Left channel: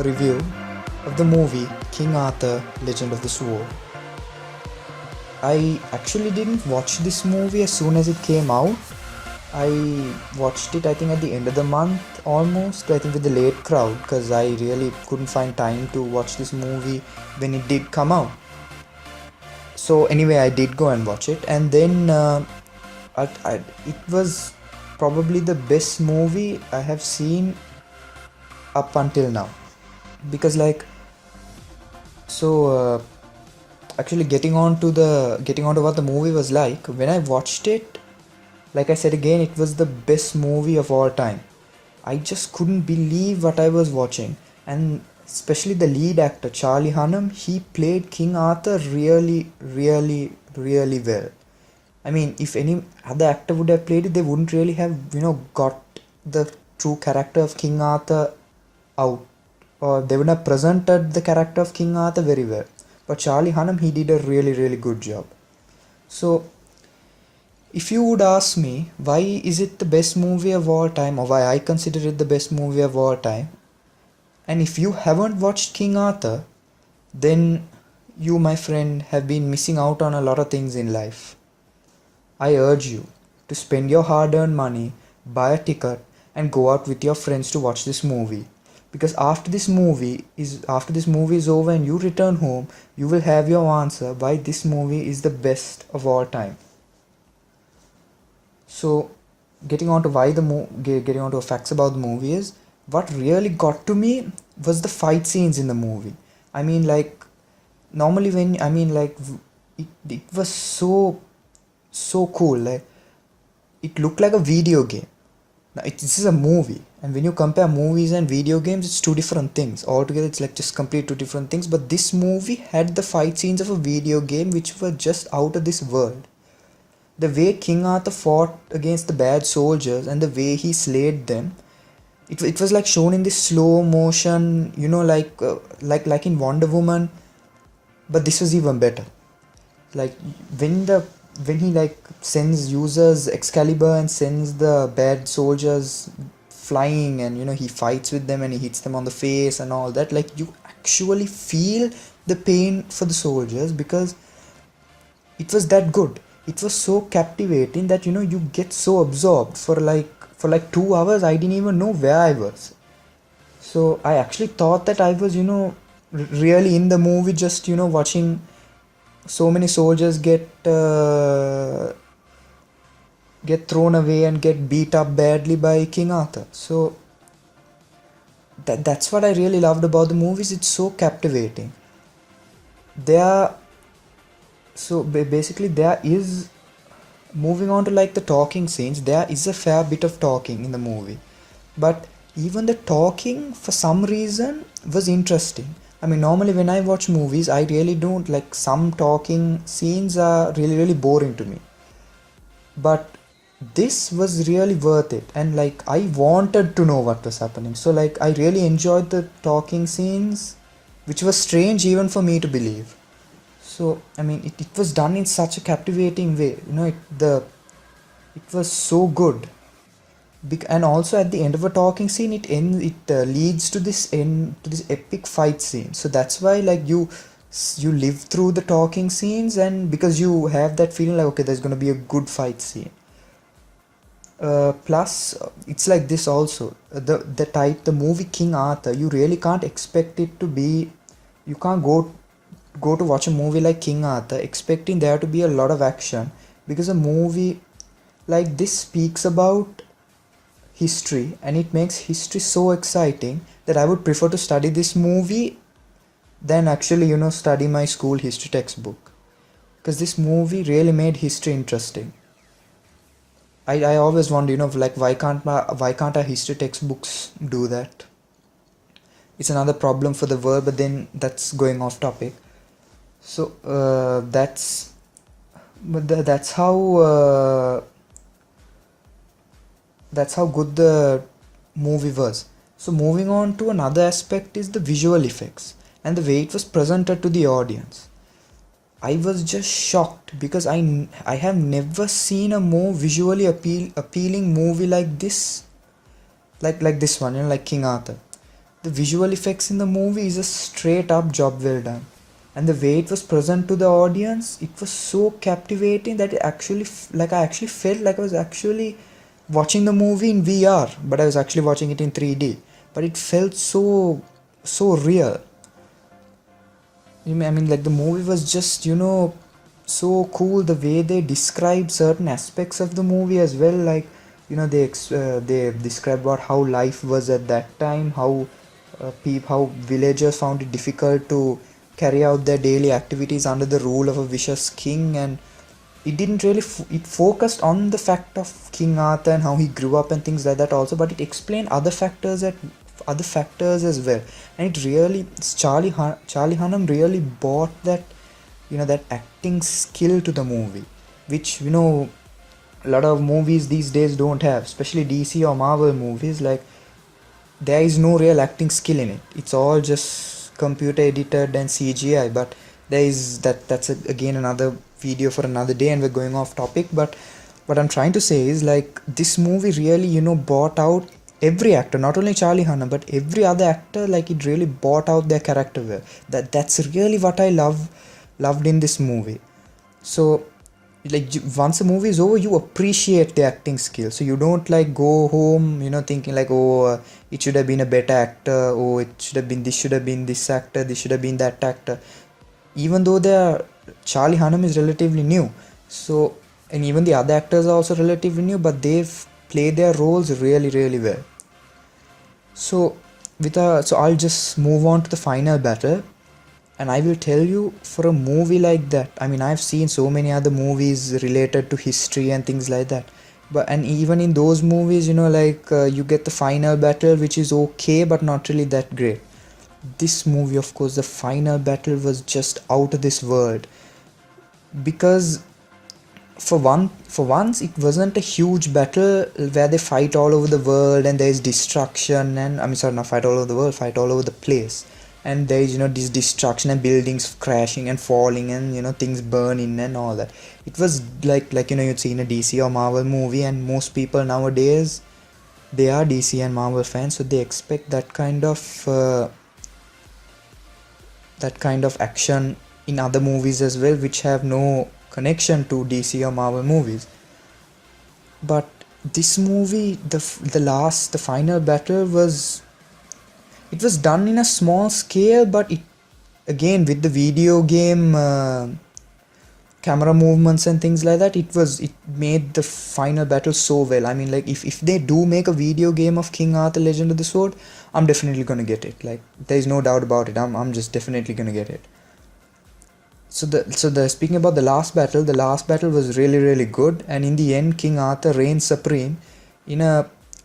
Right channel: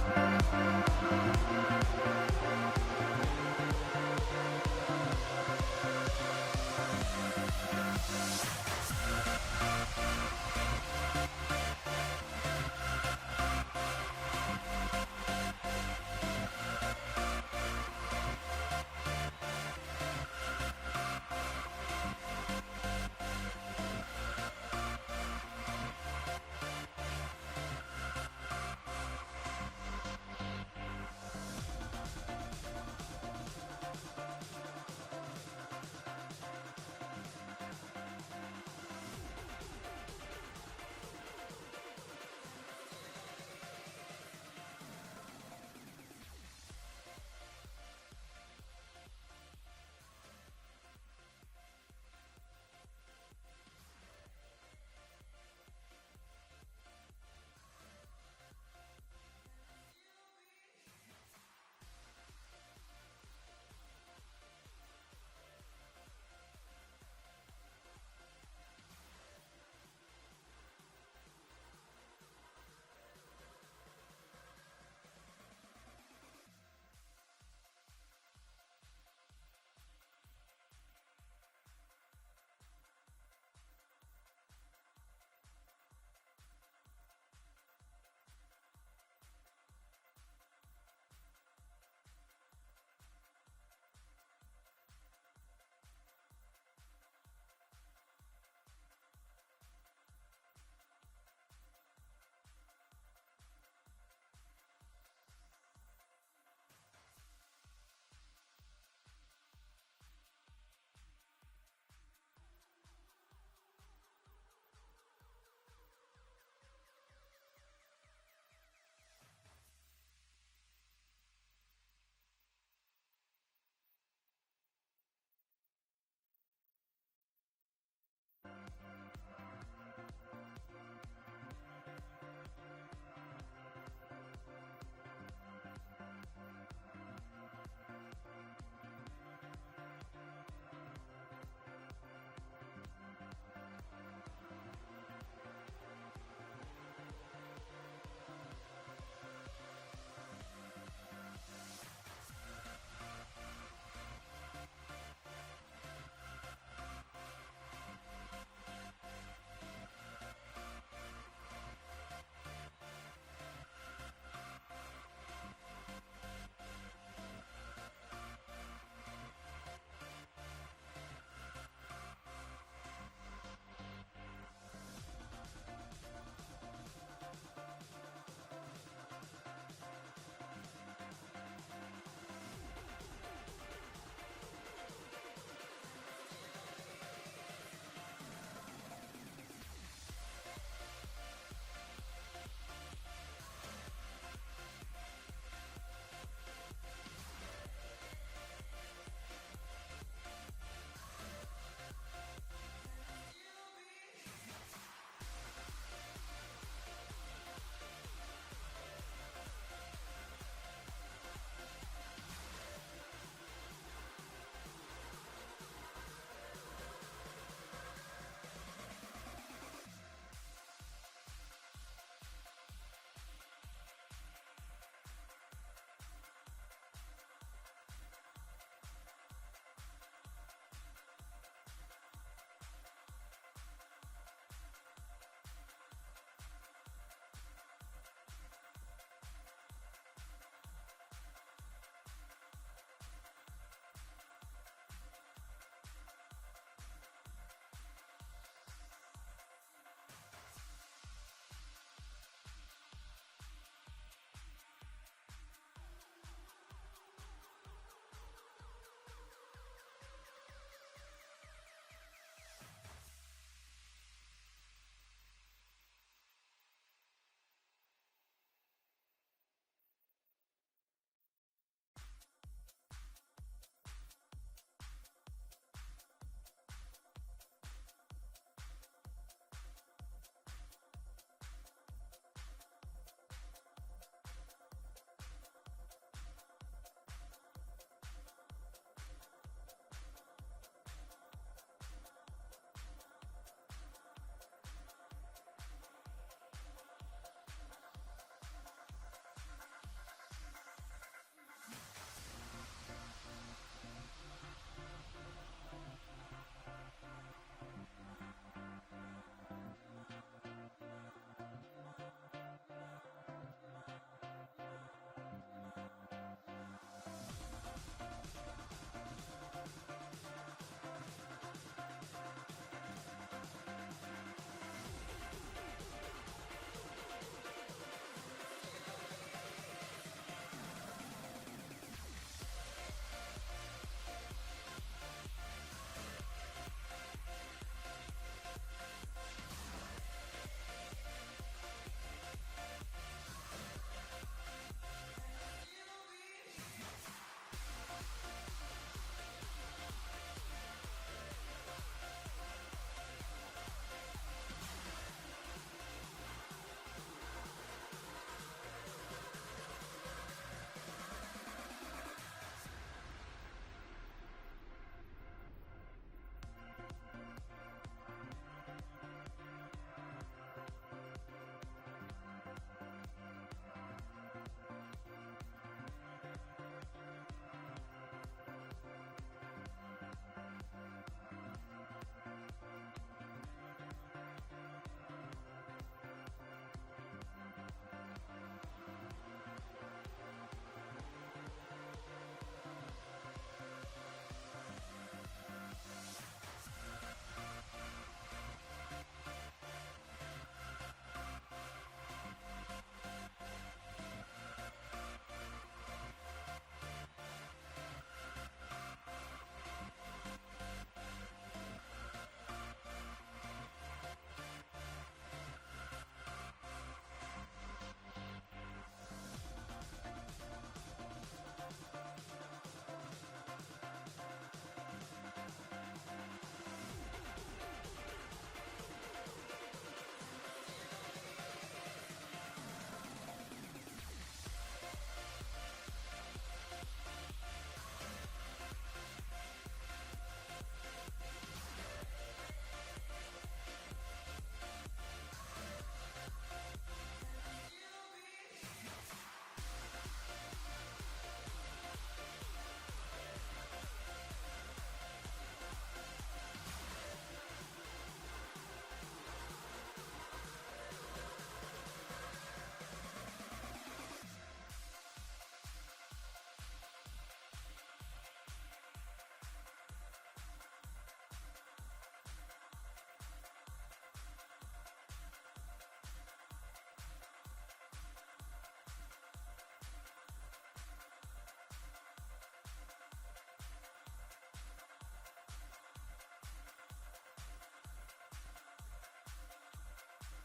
a review of the movie King Arthur Legend of the Sword. I actually didn't watch this movie as soon as it came out. I watched it, I think, at the end of the month almost, I think with the late crowd, because I really couldn't find time to watch this movie when it did come out. So anyway, I did go and watch it, and then it was probably the best movie I have seen up until now, because actually getting on to what the movie was like when I watched it. Like I said again, it was the best movie of all time. I just couldn't believe what I was watching, and especially the lead actor Charlie Hunnam. He played King Arthur really, really, really well. I mean, if any other actor would have played it, they wouldn't really have got the true character of King Arthur out, or they would have presented the character of King Arthur very well. But Charlie Hunnam, he did a really, really good job. So if you would ask me why is it the best movie of all time, or why I consider it the best movie of all time, and if you haven't watched King Arthur, then you, my friend, have been missing out on a lot of things in life. I urge you to spend your hard-earned money, buy a ticket, and go out with your friends to watch this movie. Because after this movie is over and you return home, you will have your answer why this movie is the best of all time. So, getting on to facts about the movie is, what really got to me was the fight scenes in the movie. I mean, normally it was so cool. Like, it looked like a video game. Now, this is a movie, and when you compare movies and video games, it's two different things. Altogether, it's like just complete two different things. But this movie had the fight scenes of a video game, which were just out of this world. The way King Arthur fought against the bad soldiers and the way he slayed them, it was like shown in this slow motion, like in Wonder Woman. But this was even better. Like when he uses Excalibur and sends the bad soldiers flying, and he fights with them and he hits them on the face and all that. Like, you actually feel the pain for the soldiers, because it was that good. It was so captivating that you get so absorbed for 2 hours. I didn't even know where I was. So I actually thought that I was really in the movie, just watching so many soldiers get thrown away and get beat up badly by King Arthur. So that's what I really loved about the movies. It's so captivating. Basically, there is, moving on to the talking scenes, there is a fair bit of talking in the movie, but even the talking for some reason was interesting. I mean, normally when I watch movies, I really don't like, some talking scenes are really, really boring to me, but this was really worth it, and I wanted to know what was happening. So I really enjoyed the talking scenes, which was strange even for me to believe. So I mean, it was done in such a captivating way. It was so good. And also at the end of a talking scene, it leads to this epic fight scene. So that's why you live through the talking scenes, and because you have that feeling like, okay, there's gonna be a good fight scene. Plus, it's like this also. The movie King Arthur, you really can't expect it to be. You can't go to watch a movie like King Arthur expecting there to be a lot of action, because a movie like this speaks about history, and it makes history so exciting that I would prefer to study this movie than actually study my school history textbook, because this movie really made history interesting. I always wonder, why can't our history textbooks do that? It's another problem for the world, but then that's going off topic. So that's how good the movie was. So moving on to another aspect is the visual effects and the way it was presented to the audience. I was just shocked, because I have never seen a more visually appealing movie like this, like this one, like King Arthur. The visual effects in the movie is a straight up job well done, and the way it was present to the audience, it was so captivating that it actually like I actually felt like I was actually watching the movie in VR, but I was actually watching it in 3D. But it felt so real. I mean, like the movie was just so cool. The way they described certain aspects of the movie as well, like they described about how life was at that time, how villagers found it difficult to carry out their daily activities under the rule of a vicious king. And it didn't really it focused on the fact of King Arthur and how he grew up and things like that also, but it explained other factors as well. And it really Charlie Hunnam really brought that that acting skill to the movie, which a lot of movies these days don't have, especially DC or Marvel movies. Like, there is no real acting skill in it. It's all just computer edited and CGI. But there is again another video for another day, and we're going off topic. But what I'm trying to say is, like, this movie really brought out every actor, not only Charlie Hunnam but every other actor. Like, it really brought out their character well. That's really what I loved in this movie. So, like, once a movie is over, you appreciate the acting skill, so you don't like go home thinking like, oh, it should have been a better actor, oh, it should have been this actor, this should have been that actor. Even though Charlie Hunnam is relatively new, so, and even the other actors are also relatively new, but they've played their roles really well. So I'll just move on to the final battle. And I will tell you, for a movie like that, I mean, I've seen so many other movies related to history and things like that. And even in those movies, you get the final battle, which is okay, but not really that great. This movie, of course, the final battle was just out of this world. Because for once, it wasn't a huge battle where they fight all over the world and there is destruction and, I mean, sorry, not fight all over the world, fight all over the place. And there is this destruction and buildings crashing and falling and things burning and all that. It was like you'd see in a DC or Marvel movie, and most people nowadays, they are DC and Marvel fans, so they expect that kind of action in other movies as well, which have no connection to DC or Marvel movies. But this movie, the final battle was done in a small scale, but it, again, with the video game camera movements and things like that, it made the final battle so well. I mean, like, if they do make a video game of King Arthur Legend of the Sword, I'm definitely gonna get it. Like, there's no doubt about it. I'm just definitely gonna get it. So speaking about the last battle was really good, and in the end, King Arthur reigned supreme.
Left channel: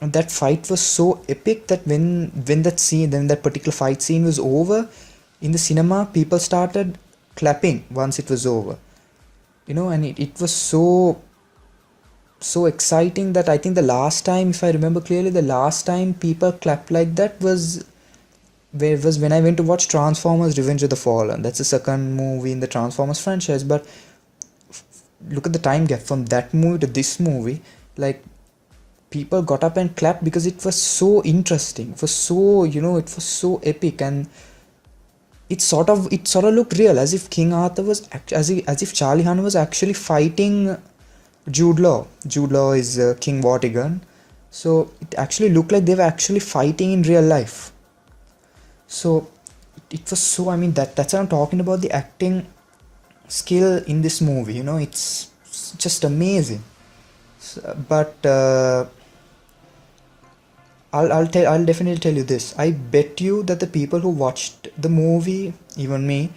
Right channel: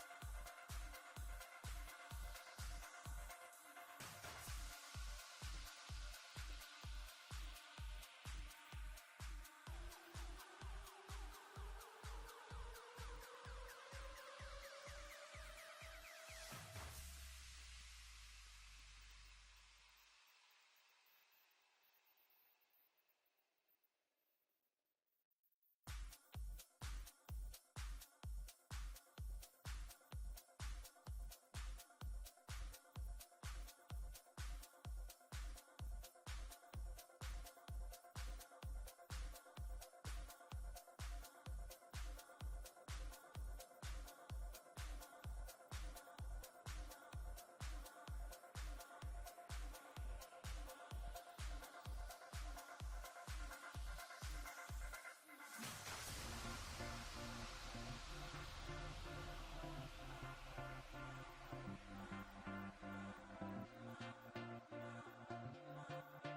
That fight was so epic that when that particular fight scene was over in the cinema, people started clapping once it was over. And it was so exciting that I think the last time, if I remember clearly, the last time people clapped like that was when I went to watch Transformers Revenge of the Fallen. That's the second movie in the Transformers franchise. But look at the time gap from that movie to this movie. Like, people got up and clapped because it was so interesting. It was so, it was so epic, and it sort of looked real, as if King Arthur was as if Charlie Hunnam was actually fighting Jude Law. Jude Law is King Vortigern. So it actually looked like they were actually fighting in real life. So it was so, I mean, that's what I'm talking about, the acting skill in this movie. It's just amazing. But I'll definitely tell you this. I bet you that the people who watched the movie, even me,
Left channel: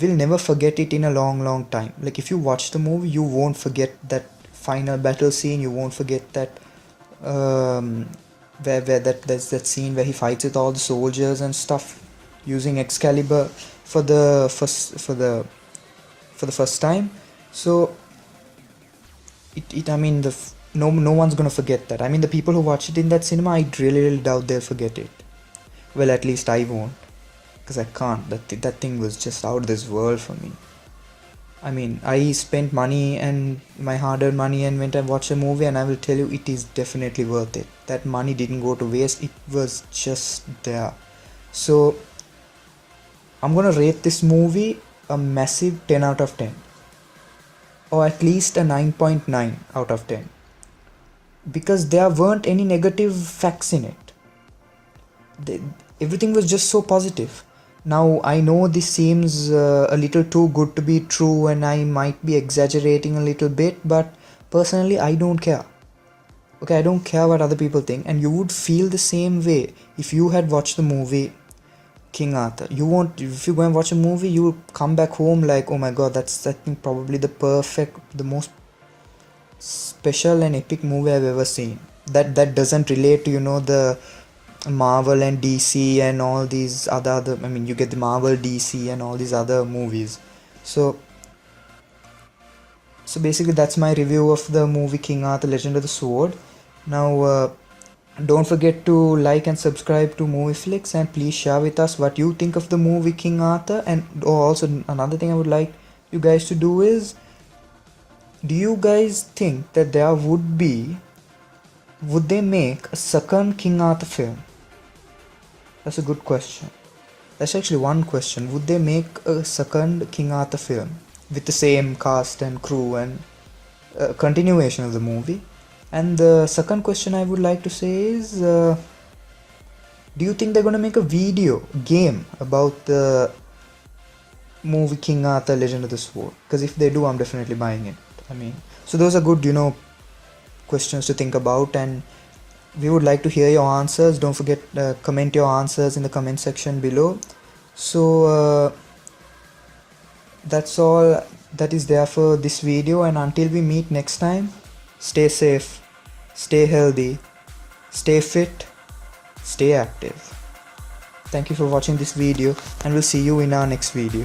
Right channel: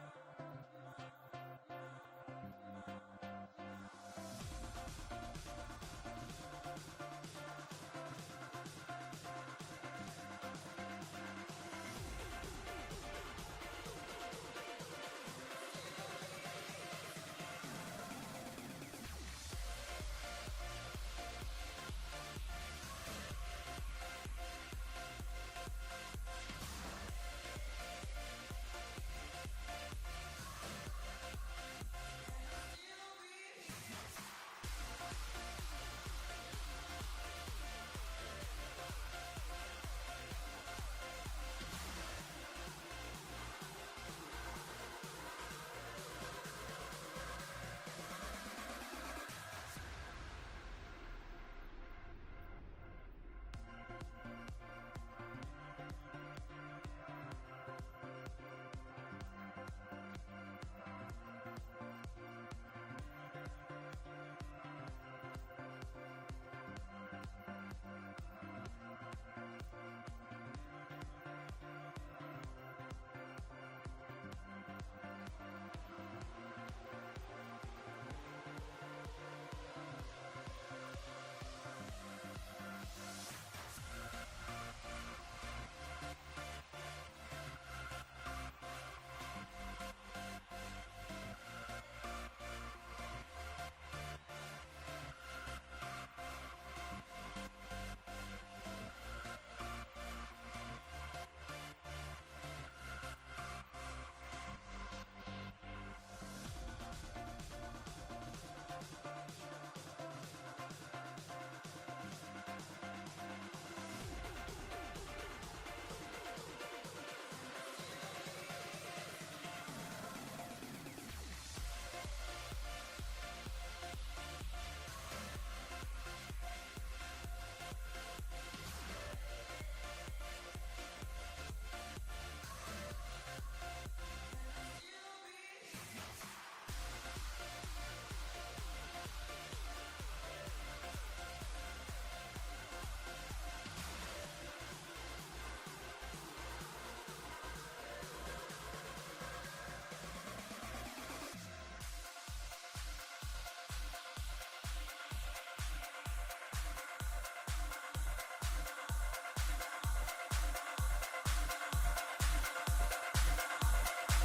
will never forget it in a long time. Like, if you watch the movie, you won't forget that final battle scene. You won't forget that where there's that scene where he fights with all the soldiers and stuff using Excalibur for the first time. So no one's gonna forget that. I mean, the people who watch it in that cinema, I really doubt they'll forget it. Well, at least I won't, because I can't. That thing was just out of this world for me. I mean, I spent money and my hard-earned money and went and watched a movie, and I will tell you, it is definitely worth it. That money didn't go to waste. It was just there. So I'm gonna rate this movie a massive 10 out of 10, or at least a 9.9 out of 10, because there weren't any negative facts in it. They, everything was just so positive. Now I know this seems a little too good to be true, and I might be exaggerating a little bit, but personally I don't care. Okay, I don't care what other people think, and you would feel the same way if you had watched the movie King Arthur. You won't, if you go and watch a movie, you will come back home like, oh my god, that's I think probably the most special and epic movie I've ever seen. That doesn't relate to, you know, the Marvel and DC and all these other I mean, you get the Marvel, DC and all these other movies. So basically that's my review of the movie King Arthur Legend of the Sword. Now don't forget to like and subscribe to Movieflix, and please share with us what you think of the movie King Arthur. And also another thing I would like you guys to do is, do you guys think that would they make a second King Arthur film? That's a good question. That's actually one question. Would they make a second King Arthur film with the same cast and crew and continuation of the movie? And the second question I would like to say is, do you think they're gonna make a video game about the movie King Arthur Legend of the Sword? Because if they do, I'm definitely buying it. I mean, so those are good, you know, questions to think about, and we would like to hear your answers. Don't forget comment your answers in the comment section below. So that's all that is there for this video, and until we meet next time, stay safe, stay healthy, stay fit, stay active. Thank you for watching this video, and we'll see you in our next video.